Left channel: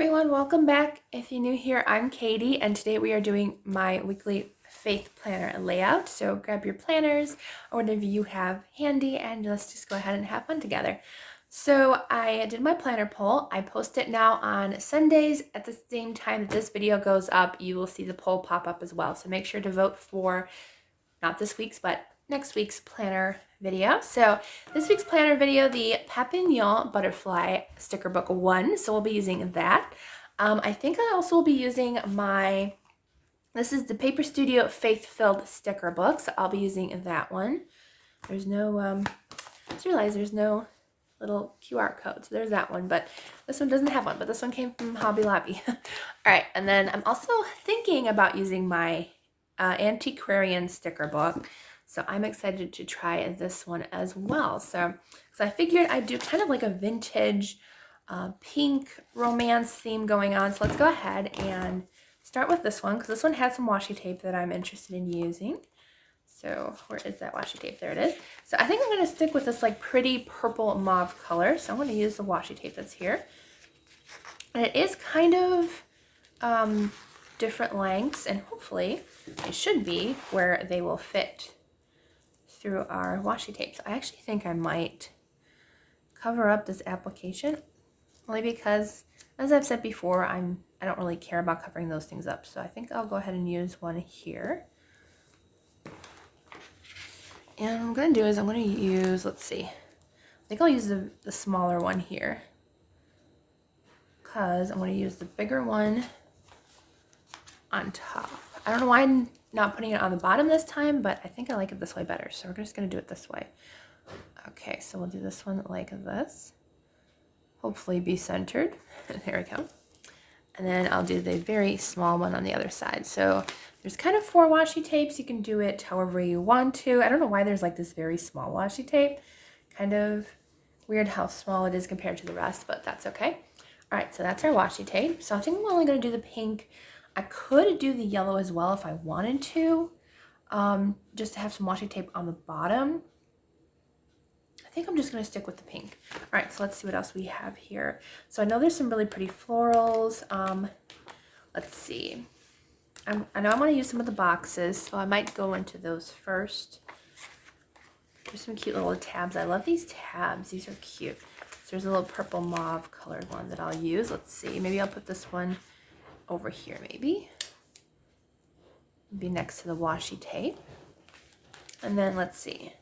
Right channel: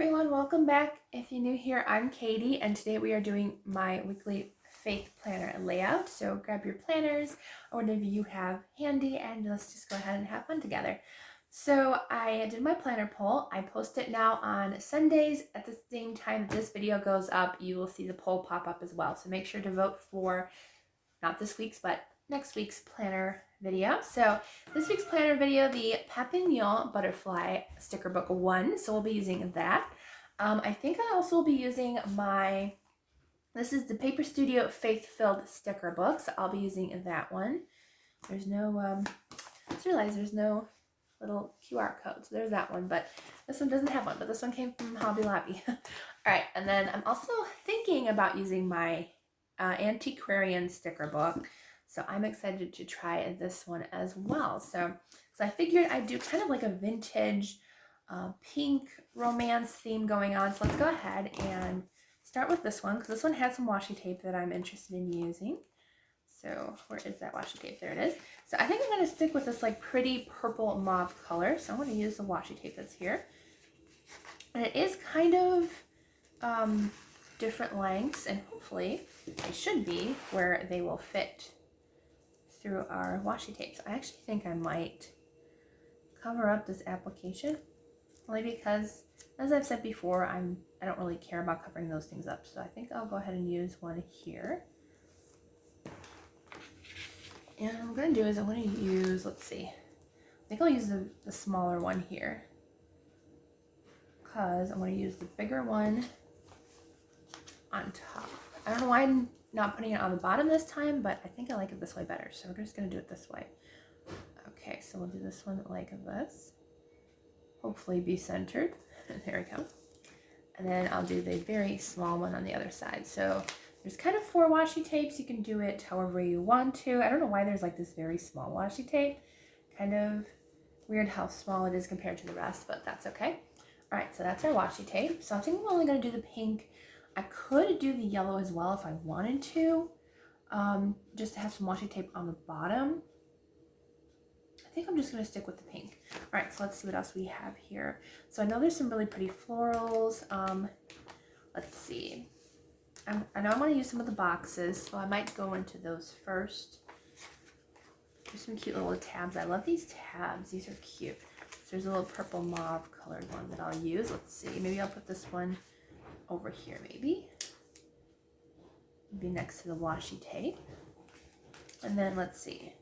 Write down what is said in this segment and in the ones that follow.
everyone, welcome back. If you're new here, I'm Katie, and today we are doing my weekly faith planner layout. So grab your planners or whatever you have handy, and let's just go ahead and have fun together. So I did my planner poll. I post it now on Sundays. At the same time that this video goes up, you will see the poll pop up as well. So make sure to vote for not this week's, but next week's planner video. So this week's planner video, the Papillon Butterfly Sticker Book 1. So we'll be using that. I think I also will be using this is the Paper Studio Faith-Filled Sticker Book. So I'll be using that one. There's no, I just realized there's no little QR code. So there's that one, but this one doesn't have one, but this one came from Hobby Lobby. All right, and then I'm also thinking about using my antiquarian sticker book. So I'm excited to try this one as well. So I figured I'd do kind of like a vintage pink romance theme going on. So let's go ahead and start with this one, because this one had some washi tape that I'm interested in using. So where is that washi tape? There it is. So I think I'm going to stick with this like pretty purple mauve color. So I'm going to use the washi tape that's here. And it is kind of different lengths, and hopefully it should be where they will fit through our washi tapes. I actually think I might cover up this application, only because, as I've said before, I don't really care about covering those things up. So I think I'll go ahead and use one here. And what I'm going to do is I'm going to use, let's see, I think I'll use the smaller one here, because I'm going to use the bigger one on top. I don't know why I'm not putting it on the bottom this time, but I think I like it this way better. So we're just going to do it this way. Okay, so we'll do this one like this. Hopefully be centered. There we go. And then I'll do the very small one on the other side. So there's kind of 4 washi tapes. You can do it however you want to. I don't know why there's like this very small washi tape. Kind of weird how small it is compared to the rest, but that's okay. All right, so that's our washi tape. So I think I'm only going to do the pink. I could do the yellow as well if I wanted to, just to have some washi tape on the bottom. I think I'm just going to stick with the pink. All right, so let's see what else we have here. So I know there's some really pretty florals. Let's see. I know I want to use some of the boxes, so I might go into those first. There's some cute little tabs. I love these tabs. These are cute. So there's a little purple mauve colored one that I'll use. Let's see. Maybe I'll put this one over here, maybe next to the washi tape. And then let's see.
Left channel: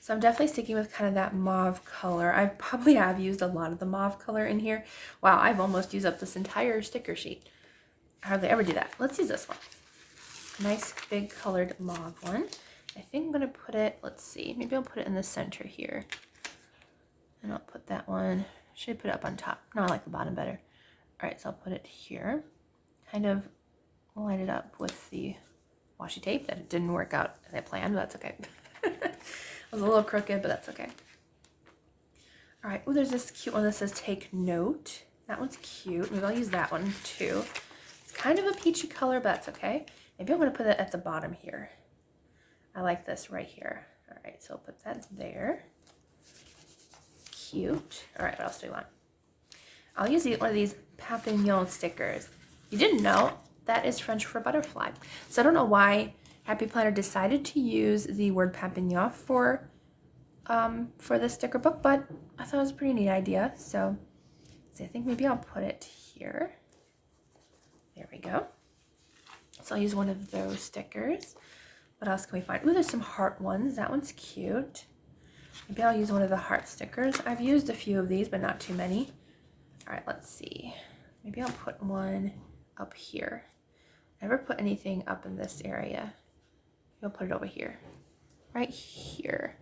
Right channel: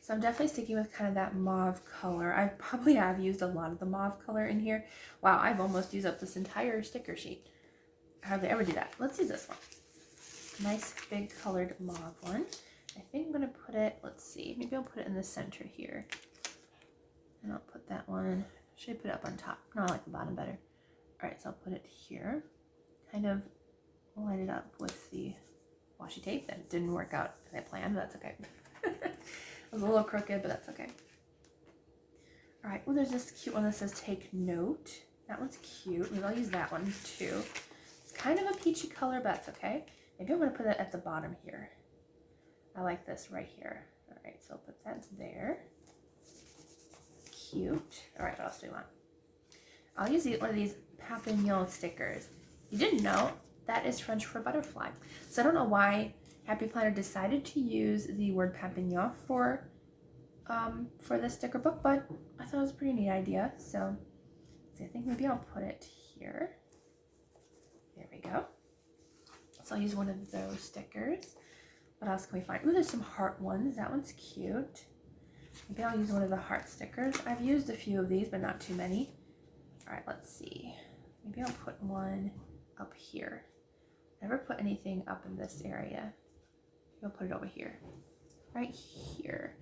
So I'm definitely sticking with kind of that mauve color. I probably have used a lot of the mauve color in here. Wow, I've almost used up this entire sticker sheet. I hardly ever do that. Let's use this one. Nice big colored mauve one. I think I'm gonna put it, let's see, maybe I'll put it in the center here. And I'll put that one, should I put it up on top? No, I like the bottom better. All right, so I'll put it here, kind of line it up with the washi tape. That didn't work out as I planned, but that's okay. It was a little crooked, but that's okay. All right, oh, there's this cute one that says take note. That one's cute. Maybe I'll use that one too. It's kind of a peachy color, but that's okay. Maybe I'm gonna put it at the bottom here. I like this right here. All right, so I'll put that there. Cute. All right, what else do we want? I'll use one of these Papillon stickers. You didn't know, that is French for butterfly. So I don't know why Happy Planner decided to use the word Papillon for this sticker book, but I thought it was a pretty neat idea. So I think maybe I'll put it here. There we go. So I'll use one of those stickers. What else can we find? Ooh, there's some heart ones. That one's cute. Maybe I'll use one of the heart stickers. I've used a few of these, but not too many. All right, let's see. Maybe I'll put one up here. Never put anything up in this area. I'll put it over here, right here.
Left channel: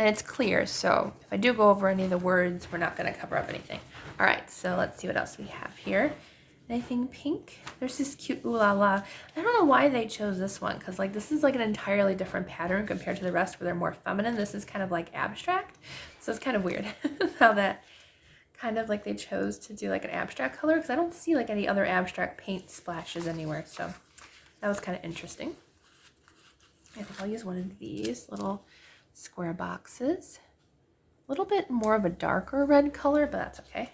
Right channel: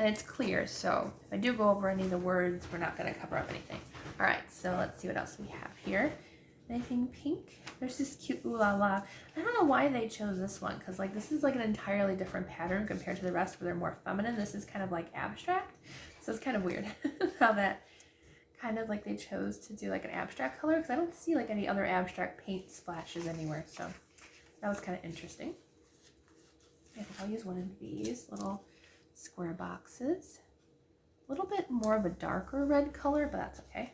And it's clear, so if I do go over any of the words, we're not gonna cover up anything. All right, so let's see what else we have here. Anything pink? There's this cute ooh la la. I don't know why they chose this one, because like this is like an entirely different pattern compared to the rest where they're more feminine. This is kind of like abstract, so it's kind of weird how that kind of like they chose to do like an abstract color, because I don't see like any other abstract paint splashes anywhere, so that was kind of interesting. I think I'll use one of these little square boxes. A little bit more of a darker red color, but that's okay.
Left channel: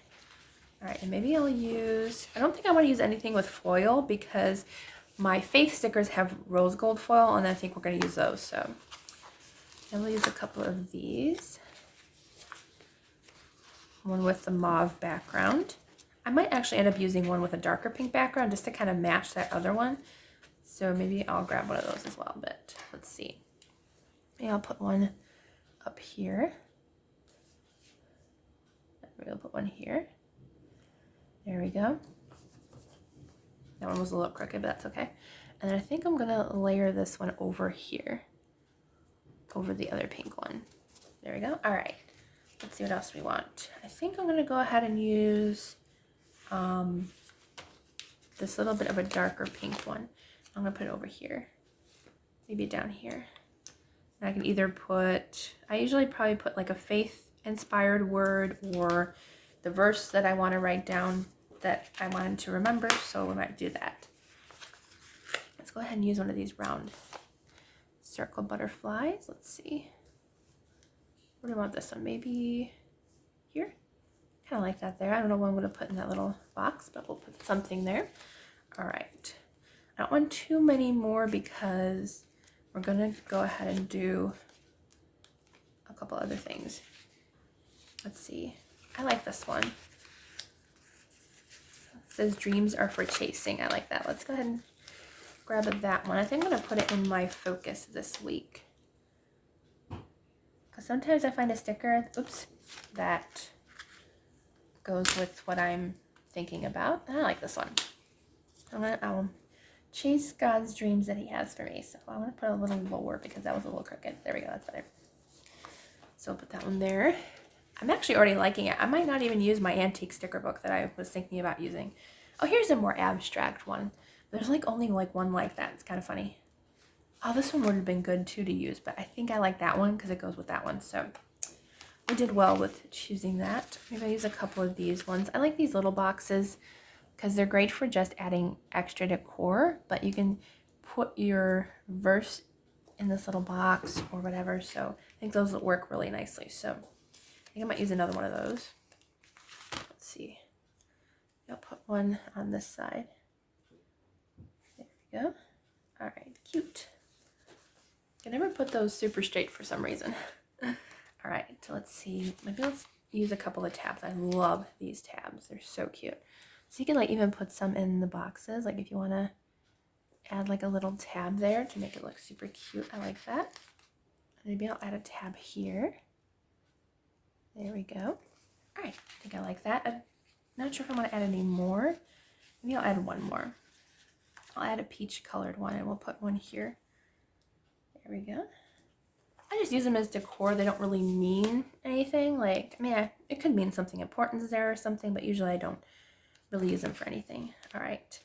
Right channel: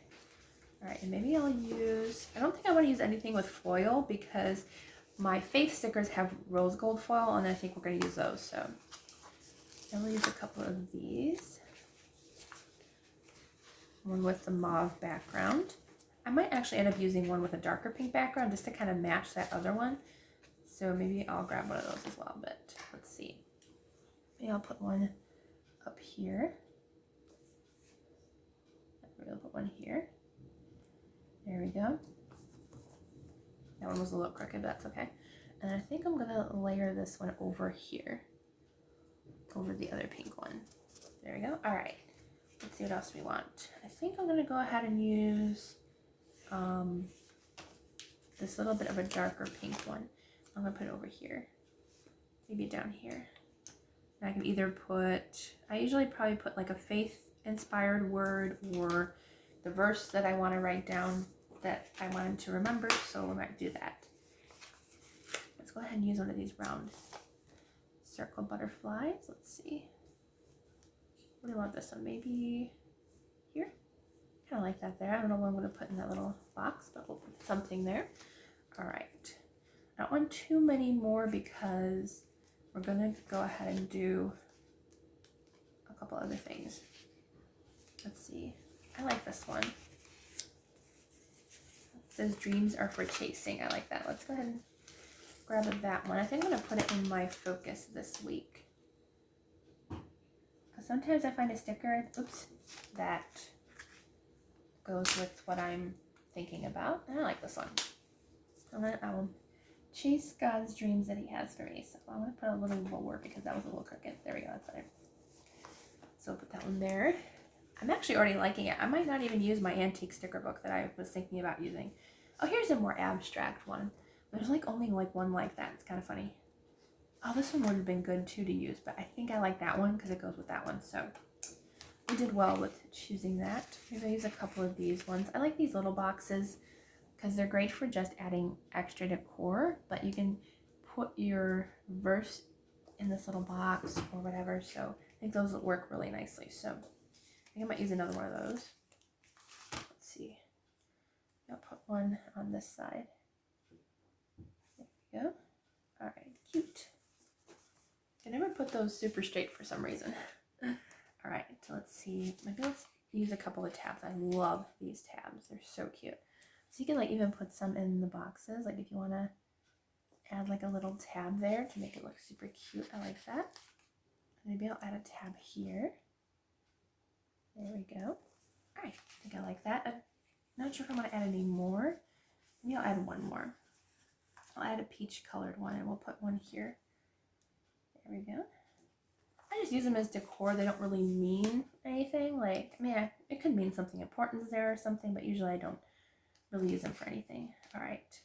All right, and maybe I'll use, I don't think I want to use anything with foil because my Faith stickers have rose gold foil, and I think we're going to use those. So I'll use a couple of these. One with the mauve background. I might actually end up using one with a darker pink background just to kind of match that other one. So maybe I'll grab one of those as well, but let's see. Maybe I'll put one up here. Maybe I'll put one here. There we go. That one was a little crooked, but that's okay. And then I think I'm gonna layer this one over here, over the other pink one. There we go. All right, let's see what else we want. I think I'm gonna go ahead and use this little bit of a darker pink one. I'm gonna put it over here, maybe down here. And I can either put, I usually probably put like a faith-inspired word or the verse that I want to write down that I wanted to remember, so we might do that. Let's go ahead and use one of these round circle butterflies. Let's see. Where do we want this one? Maybe here? Kind of like that there. I don't know what I'm going to put in that little box, but we'll put something there. All right. I don't want too many more because we're going to go ahead and do a couple other things. Let's see. I like this one. It says dreams are for chasing. I like that. Let's go ahead and grab that one. I think I'm going to put it in my focus this week. Because sometimes I find a sticker, oops, that goes with what I'm thinking about. And I like this one. I'm going to chase God's dreams that he has for me. So I want to put a little lower because that was a little crooked. There we go. That's better. So I'll put that one there. I'm actually already liking it. I might not even use my antique sticker book that I was thinking about using. Oh, here's a more abstract one. There's like only like one like that. It's kind of funny. Oh, this one would have been good too to use, but I think I like that one because it goes with that one. So we did well with choosing that. Maybe I'll use a couple of these ones. I like these little boxes because they're great for just adding extra decor, but you can put your verse in this little box or whatever. So I think those will work really nicely. So I think I might use another one of those. Let's see. I'll put one on this side. There we go. All right, cute. I never put those super straight for some reason. All right, so let's see. Maybe let's use a couple of tabs. I love these tabs. They're so cute. So you can like even put some in the boxes. Like if you want to add like a little tab there to make it look super cute. I like that. Maybe I'll add a tab here. There we go. All right, I think I like that. I'm not sure if I want to add any more. Maybe I'll add one more. I'll add a peach colored one and we'll put one here. There we go. I just use them as decor. They don't really mean anything. Like, I mean, it could mean something important there or something, but usually I don't really use them for anything. All right.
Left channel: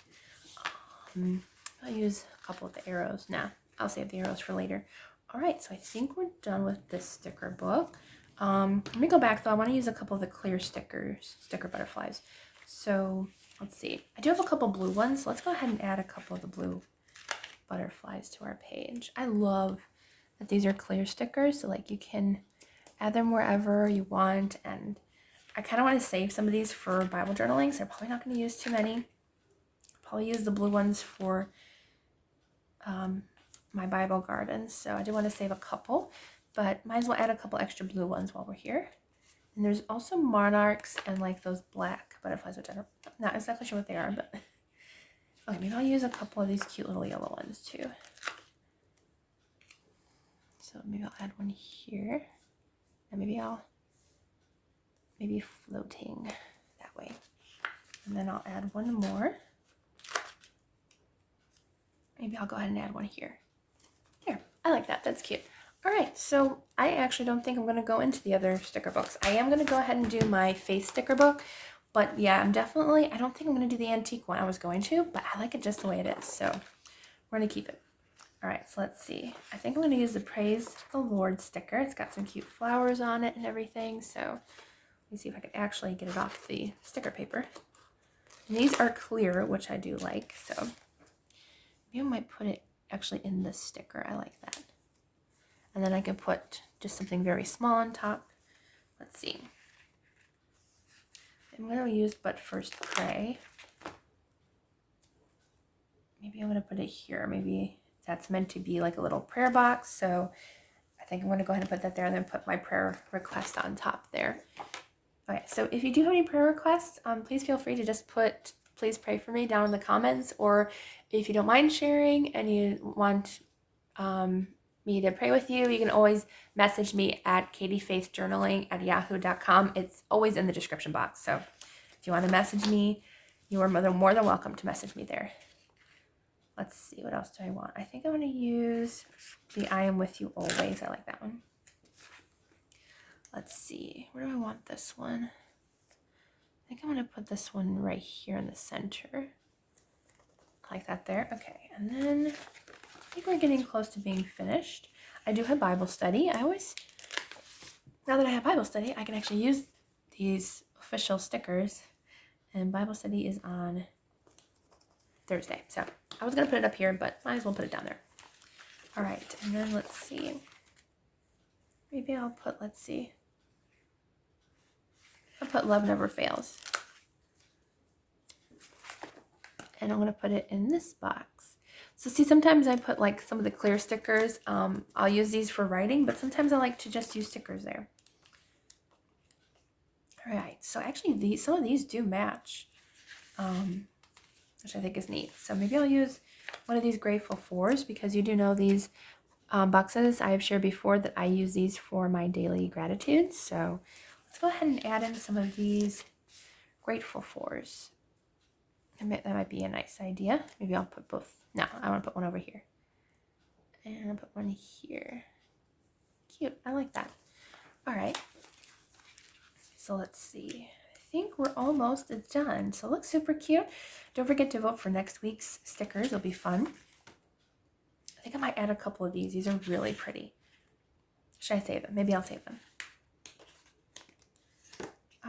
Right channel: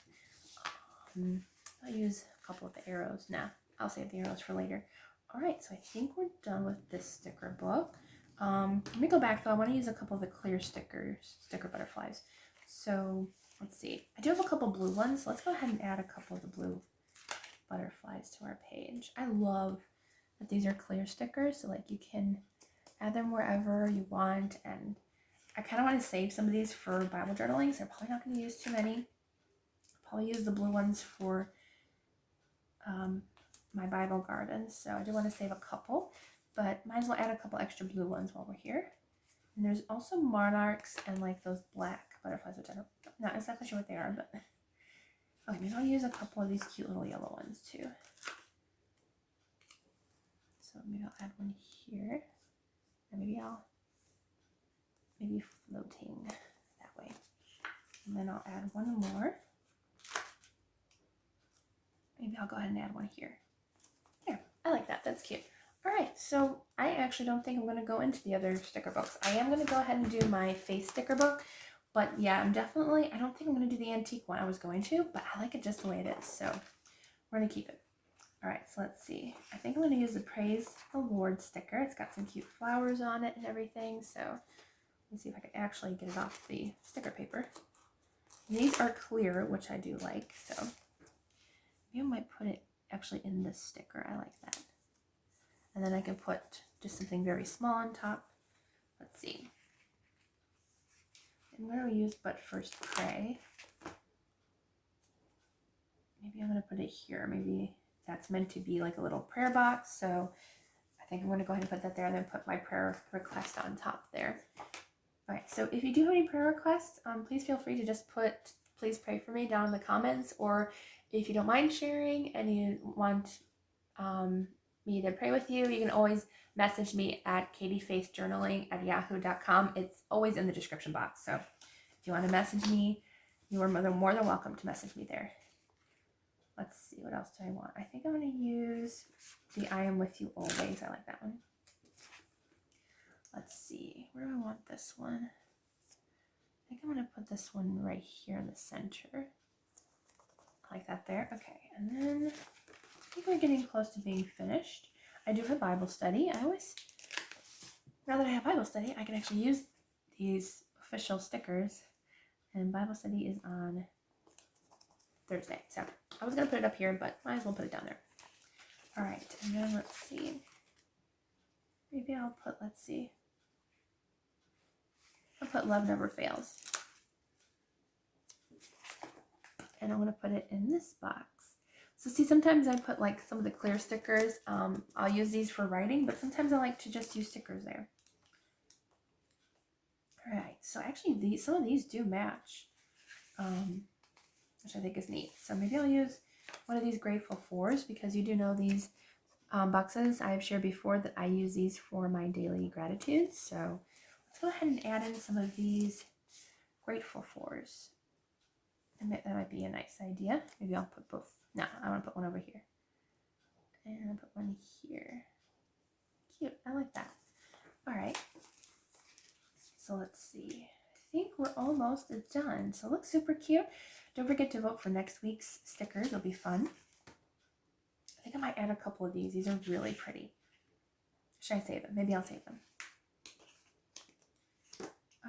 I'll use a couple of the arrows. Now, I'll save the arrows for later. All right, so I think we're done with this sticker book. Let me go back though. I want to use a couple of the clear sticker butterflies. So let's see. I do have a couple blue ones. So let's go ahead and add a couple of the blue butterflies to our page. I love that these are clear stickers. So like you can add them wherever you want. And I kind of want to save some of these for Bible journaling. So I'm probably not going to use too many. Probably use the blue ones for my Bible gardens. So I do want to save a couple. But might as well add a couple extra blue ones while we're here. And there's also monarchs and like those black butterflies, which I'm not exactly sure what they are, but okay, maybe I'll use a couple of these cute little yellow ones too. So maybe I'll add one here. And maybe floating that way. And then I'll add one more. Maybe I'll go ahead and add one here. Here, I like that. That's cute. All right, so I actually don't think I'm going to go into the other sticker books. I am going to go ahead and do my Faith sticker book, but yeah, I don't think I'm going to do the antique one. I was going to, but I like it just the way it is, so we're going to keep it. All right, so let's see. I think I'm going to use the Praise the Lord sticker. It's got some cute flowers on it and everything, so let me see if I can actually get it off the sticker paper. And these are clear, which I do like, so maybe I might put it actually in this sticker. I like that. And then I can put just something very small on top. Let's see. I'm going to use But First Pray. Maybe I'm going to put it here. Maybe that's meant to be like a little prayer box. So I think I'm going to go ahead and put that there and then put my prayer request on top there. Okay, so if you do have any prayer requests, please feel free to just put please pray for me down in the comments, or if you don't mind sharing and you want me to pray with you, you can always message me at katiefaithjournaling@yahoo.com. It's always in the description box. So if you want to message me, you are more than welcome to message me there. Let's see, what else do I want? I think I'm going to use the I am with you always. I like that one. Let's see, where do I want this one? I think I'm going to put this one right here in the center. Like that there. Okay, and then I think we're getting close to being finished. I do have Bible study. Now that I have Bible study, I can actually use these official stickers. And Bible study is on Thursday. So I was going to put it up here, but might as well put it down there. All right, and then let's see. Maybe I'll put, I'll put Love Never Fails. And I'm going to put it in this box. So see, sometimes I put like some of the clear stickers. I'll use these for writing, but sometimes I like to just use stickers there. All right, so actually some of these do match, which I think is neat. So maybe I'll use one of these Grateful Fours, because you do know these boxes, I have shared before that I use these for my daily gratitude. So let's go ahead and add in some of these Grateful Fours. That might be a nice idea. Maybe I'll put both. No, I want to put one over here. And I'll put one here. Cute. I like that. All right. So let's see. I think we're almost done. So it looks super cute. Don't forget to vote for next week's stickers. It'll be fun. I think I might add a couple of these. These are really pretty. Should I save them? Maybe I'll save them.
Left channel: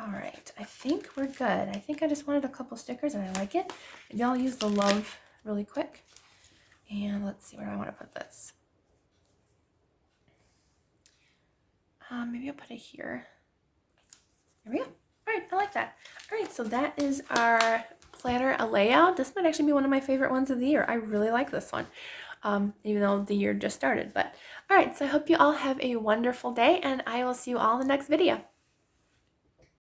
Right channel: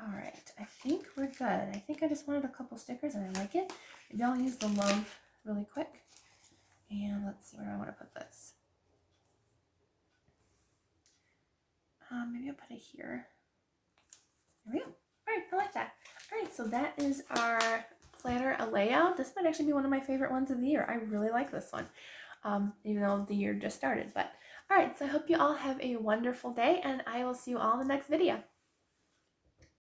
All right, I think we're good. I think I just wanted a couple stickers and I like it. Maybe I'll use the love really quick. And let's see, where do I want to put this? Maybe I'll put it here. There we go. All right, I like that. All right, so that is our planner layout. This might actually be one of my favorite ones of the year. I really like this one, even though the year just started. But all right, so I hope you all have a wonderful day, and I will see you all in the next video.